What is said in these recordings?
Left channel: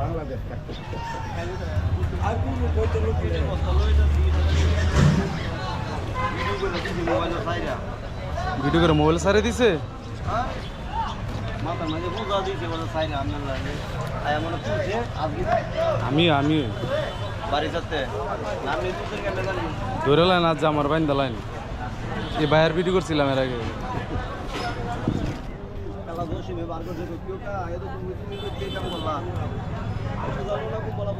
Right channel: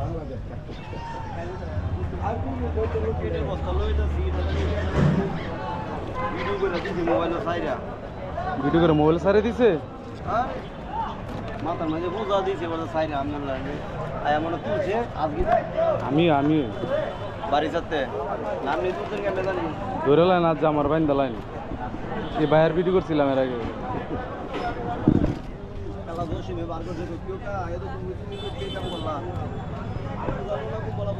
Bangladesh video করে mobile সারে দিছে? আমি আমি। ধরে লাইন আজ আমার বাইন লাইন। এই বাইরের ভিডিও করছিলাম এর আগে। কালা দোষী মে বার করছে কেউ কা এ তো তুমি তুমি কে কাম করলা বুঝালো না কো বলা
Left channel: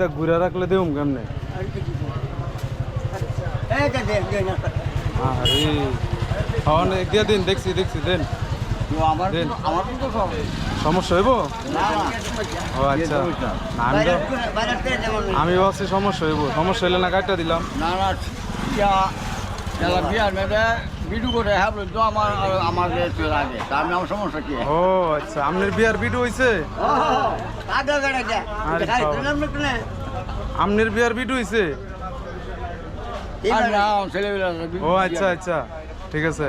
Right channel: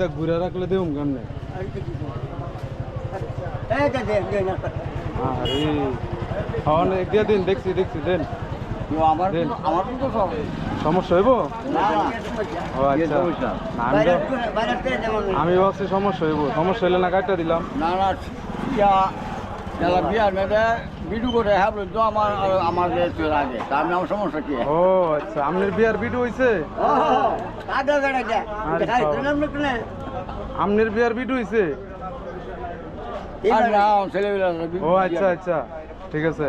তা ঘুরে রাখলে দেবো কেমনে? আরে দিয়ে দিন দেখছি দেখছি দেন। সমস্যা হইব? না ও আচ্ছা। আমি ভাবছি সমস্যা হইব। সমস্যা হইলে না কাটটা দিলাম। না না ভিডিও করে হ্যাঁ বলে তো আমার আমার চলে আগে তা আমি আমার সমস্যা কি? ও আচ্ছা আপনার বিয়ার ভিডিও হইছে? আপনার বিয়ার ভিডিও হইছে? আর ও আচ্ছা আচ্ছা ঠিক আছে।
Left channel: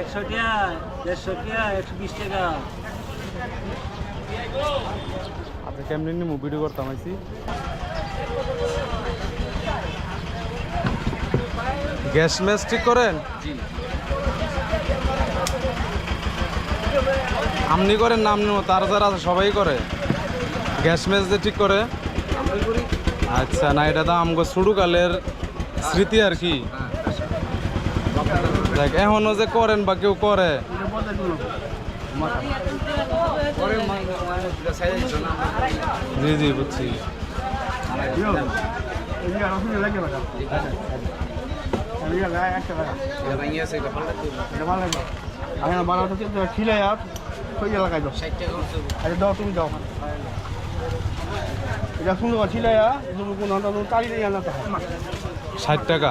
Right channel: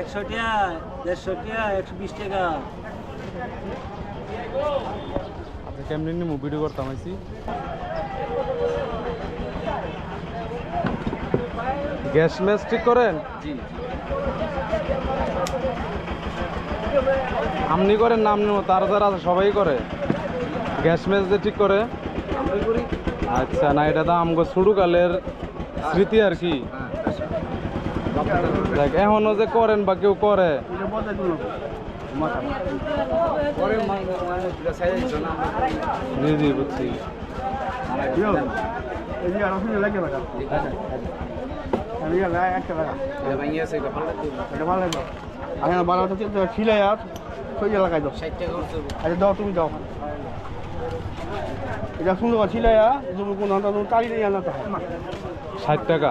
একশো দেড়শো একশো বিশ টাকা। আপনি কেমনি নিমু ভিডিও করতাম আইছি? গ্যাস ম্যাচ ঠিক করেন? আপনি করেন নাম নিব তার যারা আছে সবাই করে। গ্যাস ম্যাচ যে ঠিক করে? আচ্ছা না এটা তো আমগো শুরুকালের স্মৃতি আর কি। দেখ এখনও যে করেন বা কেউ করে। জি জি বুঝছি। আমি বানাতে খিলে আর সই লাগাই দাও? তুমি দাও। এটা সুন্দর করে ছিলে তুমি কোন তাড়ি আনা ষাট টাকা?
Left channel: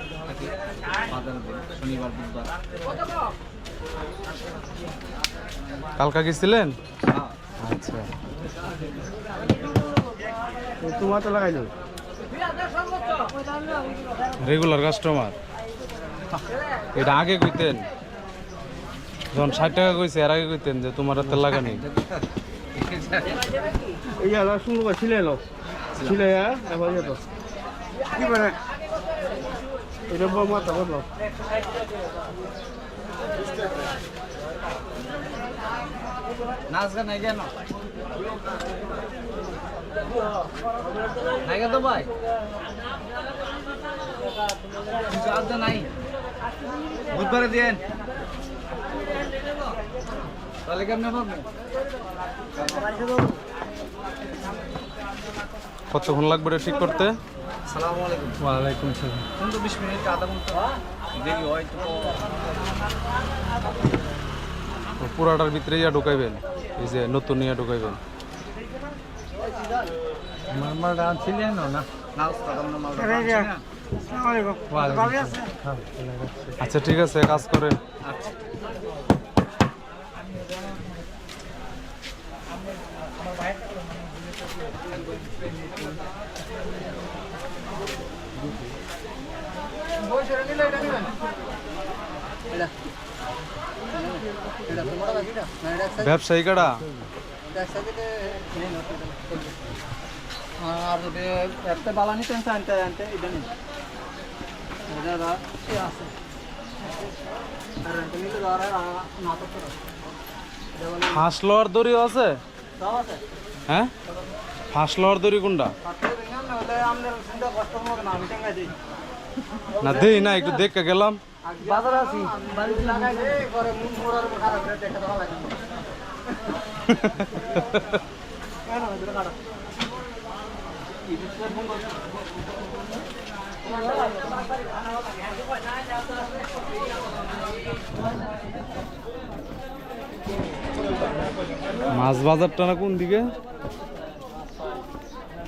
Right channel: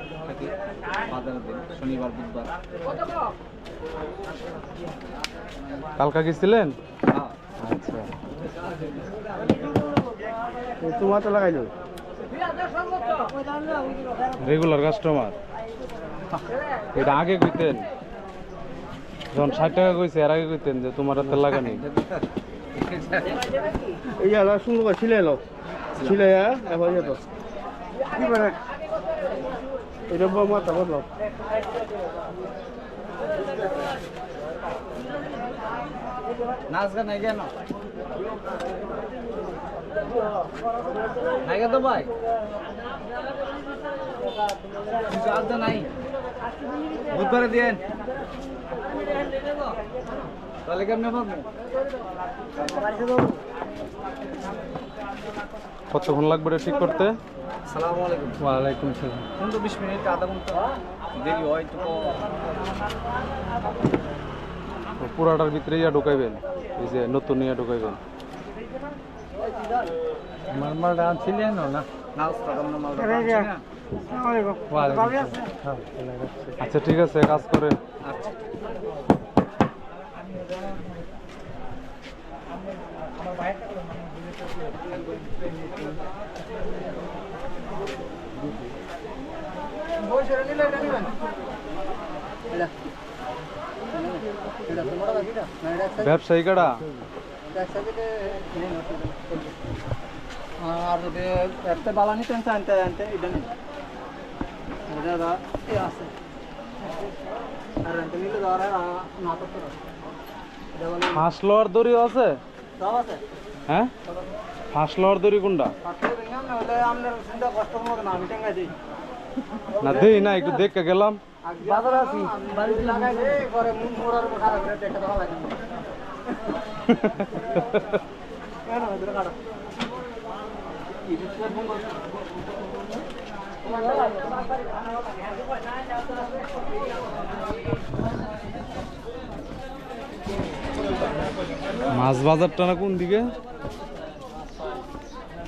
থাকি বাজার দিন শনিবার বুধবার। কালকা গেছিলেন? হ্যাঁ। আচ্ছা। তোমার তো লাগাই দাও রেগুলার কাস্টমার এটা আগে কইতেন। যখন ষাট টাকা কইছে এর আগে কইতেন যে তোমার হাতে লাগানি এই সুন্দর করে ছিলে নাও ছিলে এবার কি করে এটা বড় মাথা বদলাও নাচ গান কেন নাই তো ভাই। কিছু আদা নাই। বুধবারে দিয়েন। তাহলে কেমনে পাবো কতক্ষণ লাগবে এটা ঠিক করতে? আলাইকুম। ওয়ালাইকুম মিনিট আধা ঘণ্টা তো। পুরাটার ভিতরে ইয়া ঢুকাইবেন। এই যে নতুন ইয়া ঢুকাইবেন। আমার না? না উস্তাদ আমরা না আচ্ছা ঠিক আছে কাজ করেন। আচ্ছা। ব্যবসায়ী কাটা আর যদি একটা বালা নিতেন আনতে আনতে এটা নেই এটা দা আছে? আর আনতে নিলে ধরে না তো হাঁস লওয়ার দড়ি আছে সব আছে? হ্যাঁ? হাঁস লওয়ার দড়ি কোনটা? না দিই না দেই না একটু দেখে গেলাম। বাজার আছি। মাছ বাজারটা না কোন দিকে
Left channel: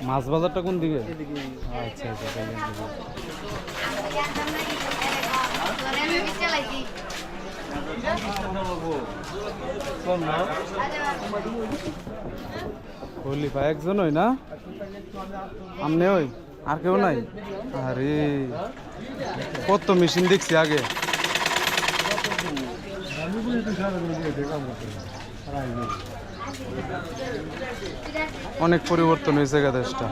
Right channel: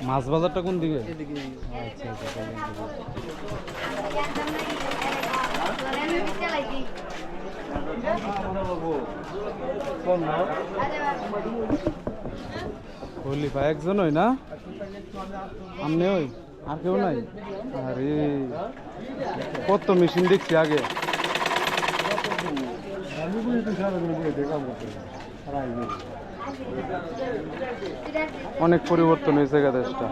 মাছ বাজারটা কোন দিকে? আচ্ছা আচ্ছা তাহলে একজন ওই না? আমনে ওই? আর কেউ নাই? আরে কত মেশিন দেখছি আগে। অনেক পরিবর্তন হয়েছে দেশটা।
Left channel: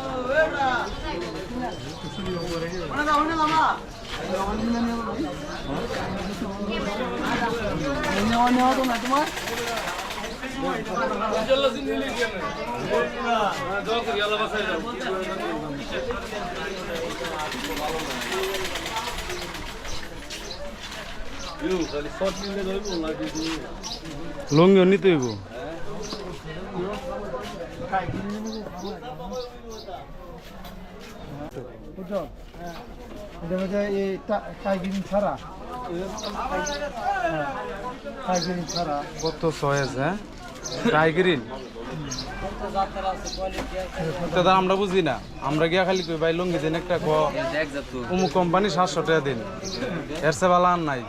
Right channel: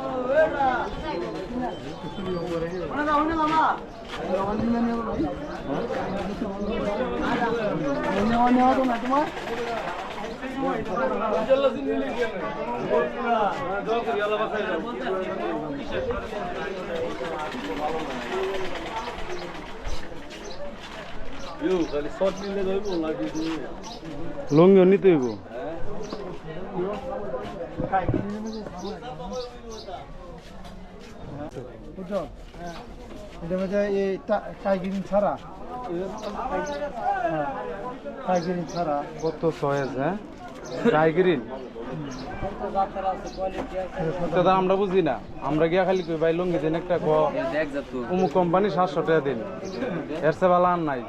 লঙ্গিও নিতে হইব। ছাড়া ছাড়া কত সয়েজ হ্যাঁ দাদা আমরা বুঝি না আমরা গিয়া খালি কই ভাই লঙ্গি দিন একটা অমুক কোম্পানি সাতশো টাকা দিন এর সে ভালো আর নাই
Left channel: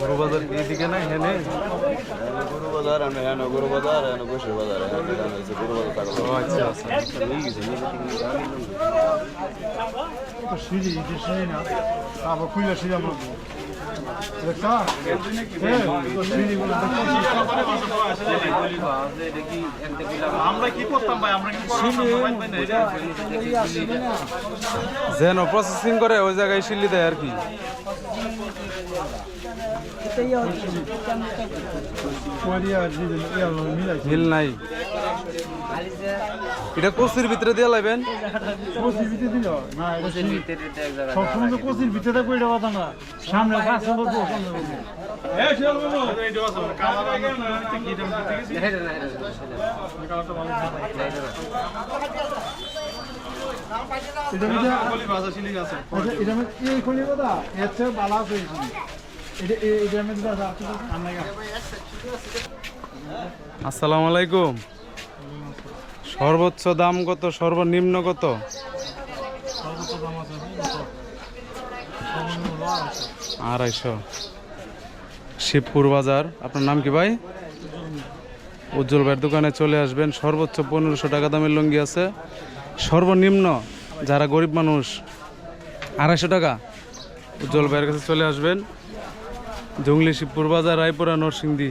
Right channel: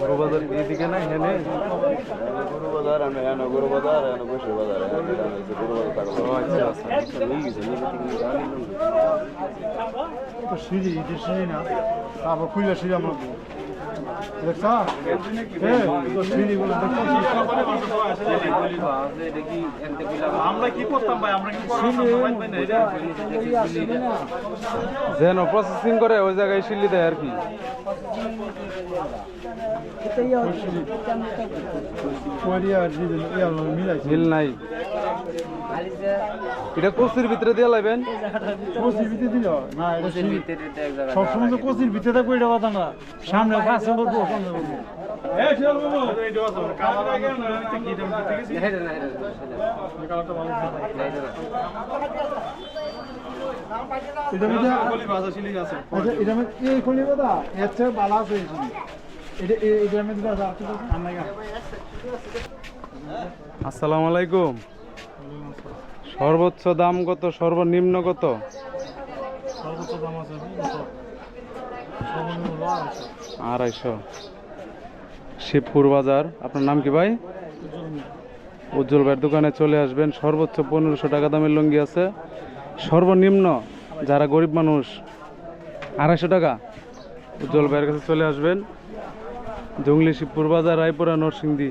গরু বাজার এইদিকে নাই হেনে গরু বাজার আমরা এনে গরু বাজার এনে বসে বাজার। ও আচ্ছা আচ্ছা। সিঁড়ি সিঁড়ি না? তারপর খুলে সিঁড়ি আমরা যেন প্রসেসিং করে ওই জায়গায় শিল্লি দেয় আর কি। ইয়া মিল নাই। এটা কচুর ভিতরে দিয়ে লাইবেন? কচির ভিতরে দিল না এটা সিঁড়ি সবসময় তো কচির ভিতরে থাকব এটা কথা না। সামনে কাছে বলব সামনে বলব এটা মধ্যে আচ্ছা এটা মধ্যে এই খনি কথা এর ভালো আছে। এটা আছে আছে আমরা আসসালামু আলাইকুম। সর্বোচ্চ দাম কত? সর্বনিম্ন কত? আড়াইশো। শিবপুর বাজার আপনার নাম কি ভাই? উজ্জ্বল ভাইয়ের দোকানে চলে আসবেন। সর্বোচ্চ পনেরোশো টাকা দামের লুঙ্গি আছে। সর্বনিম্ন যারা গরিব মানুষ আড়াইশো টাকা উজ্জ্বল ভাইয়ের কাছে চলে আসবেন। জঙ্গলি শিবপুর বাজার রায়পুরা নরসিংদী।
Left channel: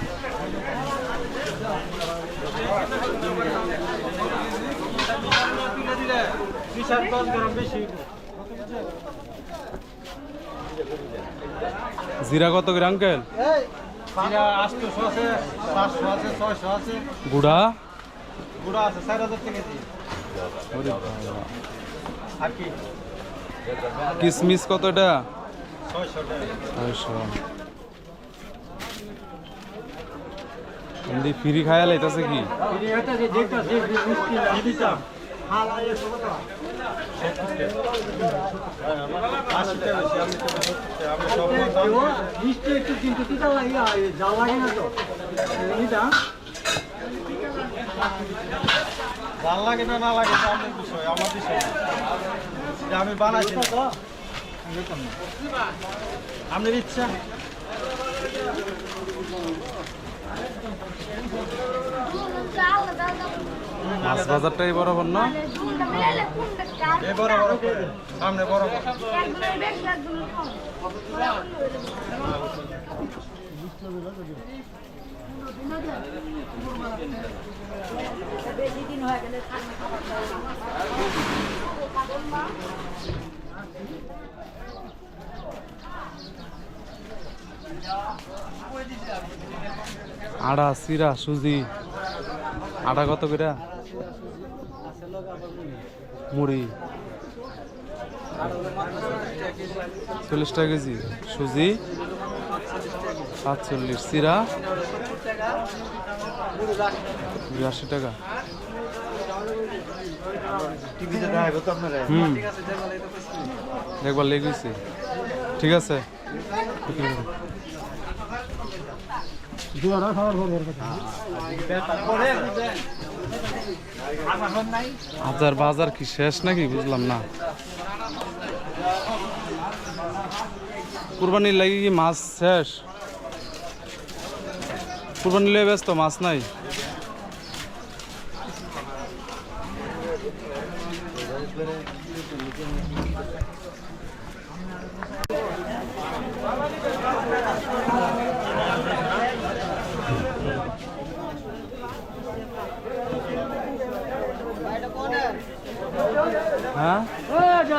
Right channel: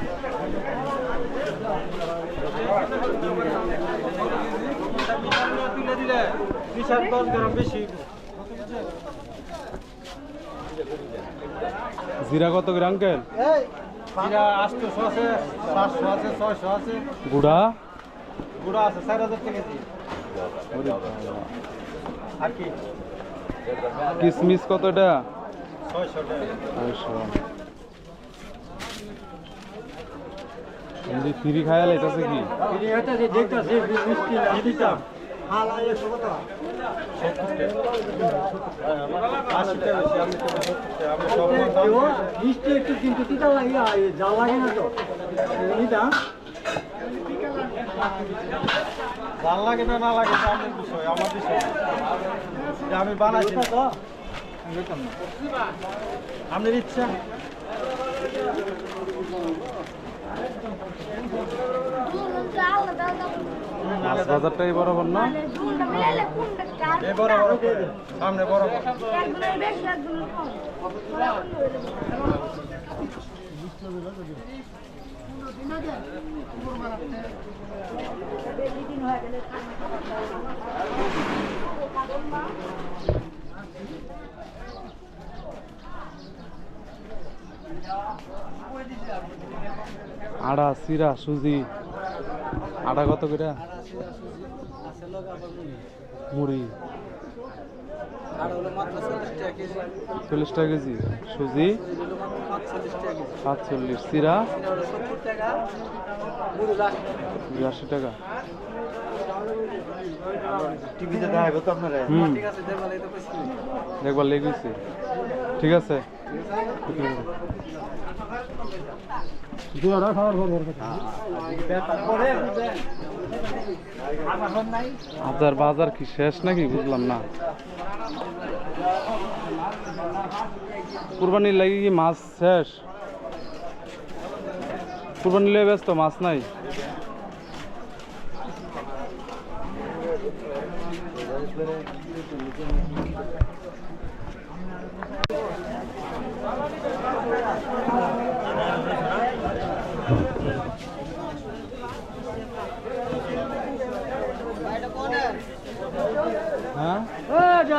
জিরা কত ছয়শো আছে। গুড়া? গুঁড়া আছে চার হাজার টাকা আর কি? কিসমিস কত এটা? ছয়শো টাকা। ছয়শো। এমনি ফ্রি খায়া লাইতাছে কি? মিষ্টি একটু কিন্তু তিতা লাগে জাল না লাগে না না লাগে আমার বিষয় আমার বিষয় আমি আমি। আপনার ইচ্ছা মাছ বাজারটাই বরাবর না? সামনে আড়া সিরা সুজি। আটা কত করে? মুড়ি। চল্লিশ টাকা কেজি। সুজি। সাতচল্লিশ। সিরা বিরাশি টাকা। টিভিতে দেখাবো তো আপনারা। হুম। একবার লেগেছে ঠিক আছে। হাজার বাজার কি শেষ নাকি বুঝলাম না কুরবানির লাগি কি মাছ শেষ কুরবানির লেগে ব্যস্ত মাছ নাই হ্যাঁ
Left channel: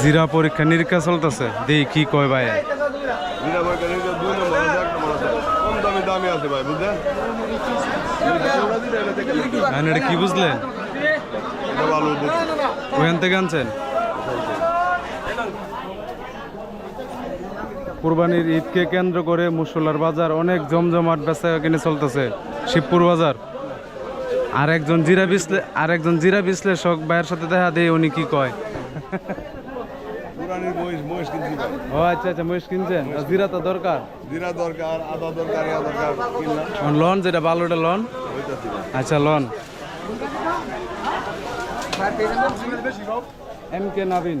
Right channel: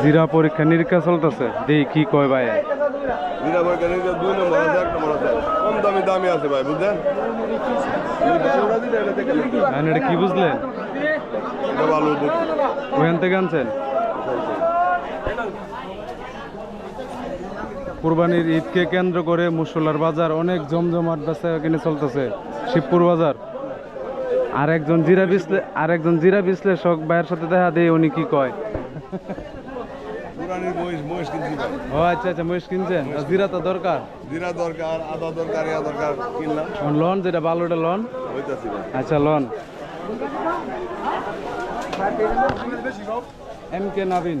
জিরা পরীক্ষা নিরীক্ষা চলতেছে। দেখি কি কয় ভাই? জিরা বরকারি দুই নম্বর আছে এক নম্বর আছে। কম দামি দামি আছে ভাই বুঝলেন? এটা কি বুঝলেন? ভালো ওখান থেকে আনছেন? কুরবানির ঈদকে কেন্দ্র করে মুসল্লার বাজার অনেক জমজমাট বেচা কিনে চলতেছে শিবপুর বাজার। আর একজন জিরা বিশ্লে আর একজন জিরা বিশ্লেষক ভাইয়ের সাথে দেখা দেয় উনি কি কয়? ও আচ্ছা আচ্ছা মহিষ কিনছেন? জিরা তো দরকার? জিরা দরকার আদা দরকার ইয়া দরকার কিনলাম। লন যেটা ভালোটা লন? ভাই। আচ্ছা loan. M K Nabin.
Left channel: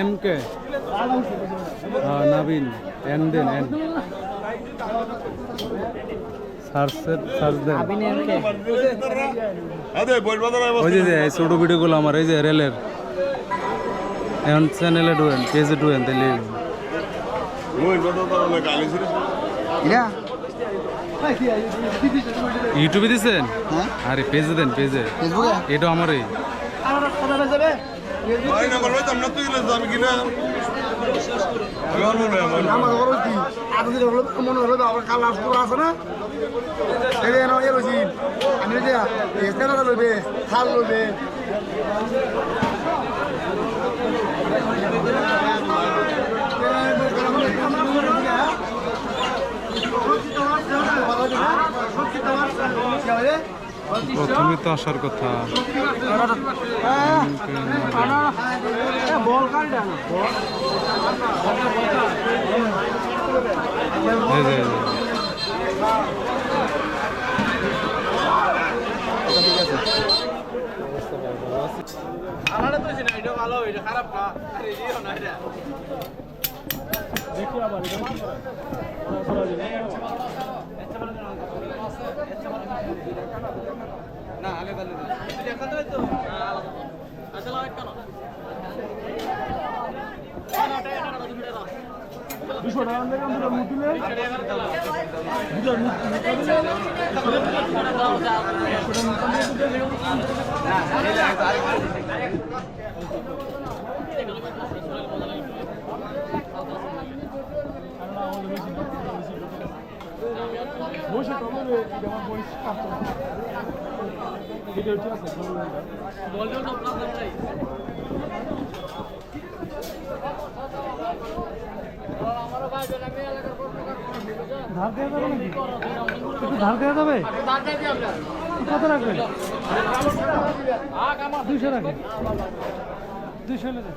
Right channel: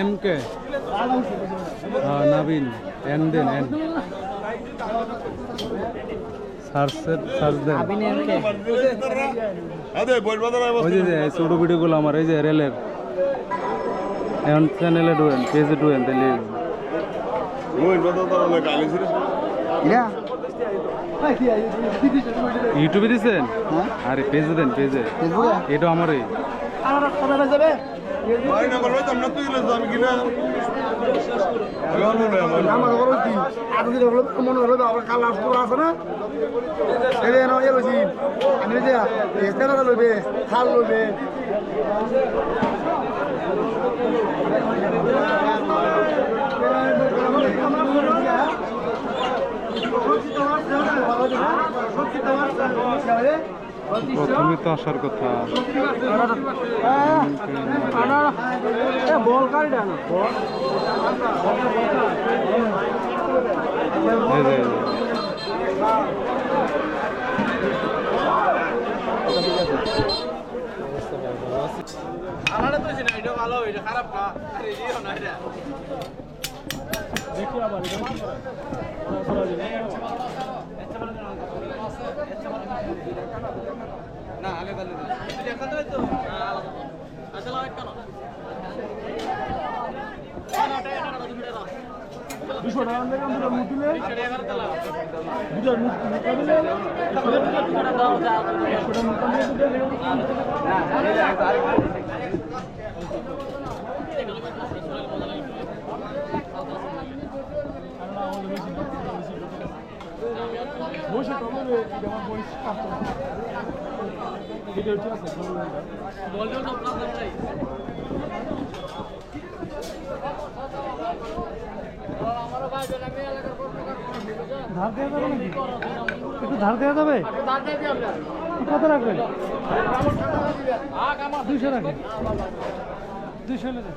M K হ্যাঁ নাবিন এন দেন এন ওই যে যে এই ভিডিওগুলো আমার এই যে রেলের। এখন চ্যানেলে ডুয়েন পেজে ডুয়েন তাহলে ইউটিউবে দিছেন? আরে পেজে দেন পেজে এটা আমারই। ভাই নাম্বার লইতাম না তুই আমি কিনা? আমার খবর কি? এতদিন হলো, মনে হলো আবার আছে না? এই যে এ লইছি আমি যে প্রথমে তো আসার কথা। বল কারিটা না এই যে, এই যে। ধার দেওয়া যাবে নাকি একটু ধার দেওয়া যাবে কত রাখবেন দুইশো রাখেন দুইশো হলে দেন।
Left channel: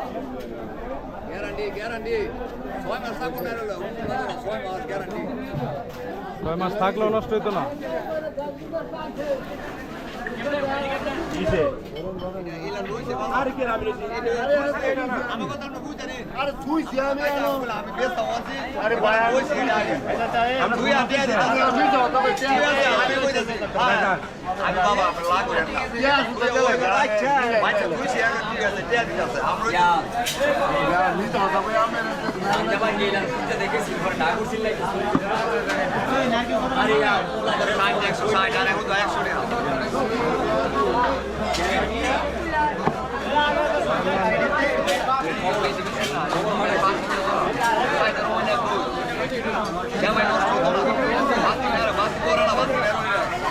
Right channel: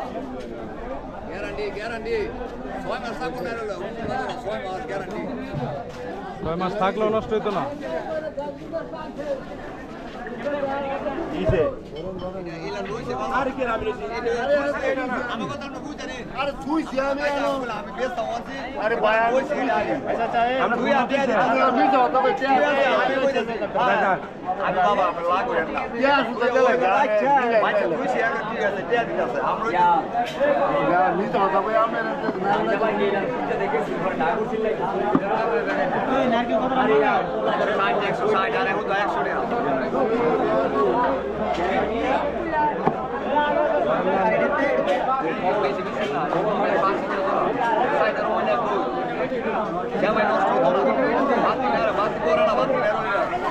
গ্যারান্টি গ্যারান্টি ছয় মাস থাকব না ছয় মাস গ্যারান্টি ছয় মাস থাকলেও নষ্ট হইতো না আর আমি আমার কথা ভাই আগে বাবা আপনি লাগ করেন না। আচ্ছা আচ্ছা তুইছি আমি ঠিক আছে দিতে আছে আমরা নি তো তবে আমি না ভাই গেলাম তুই দেখেছিস পরে না করছিস লাগে আরে ইয়া 160 আর এখন তো 100 টাকা গাছ না গাছ না গাছ গাছ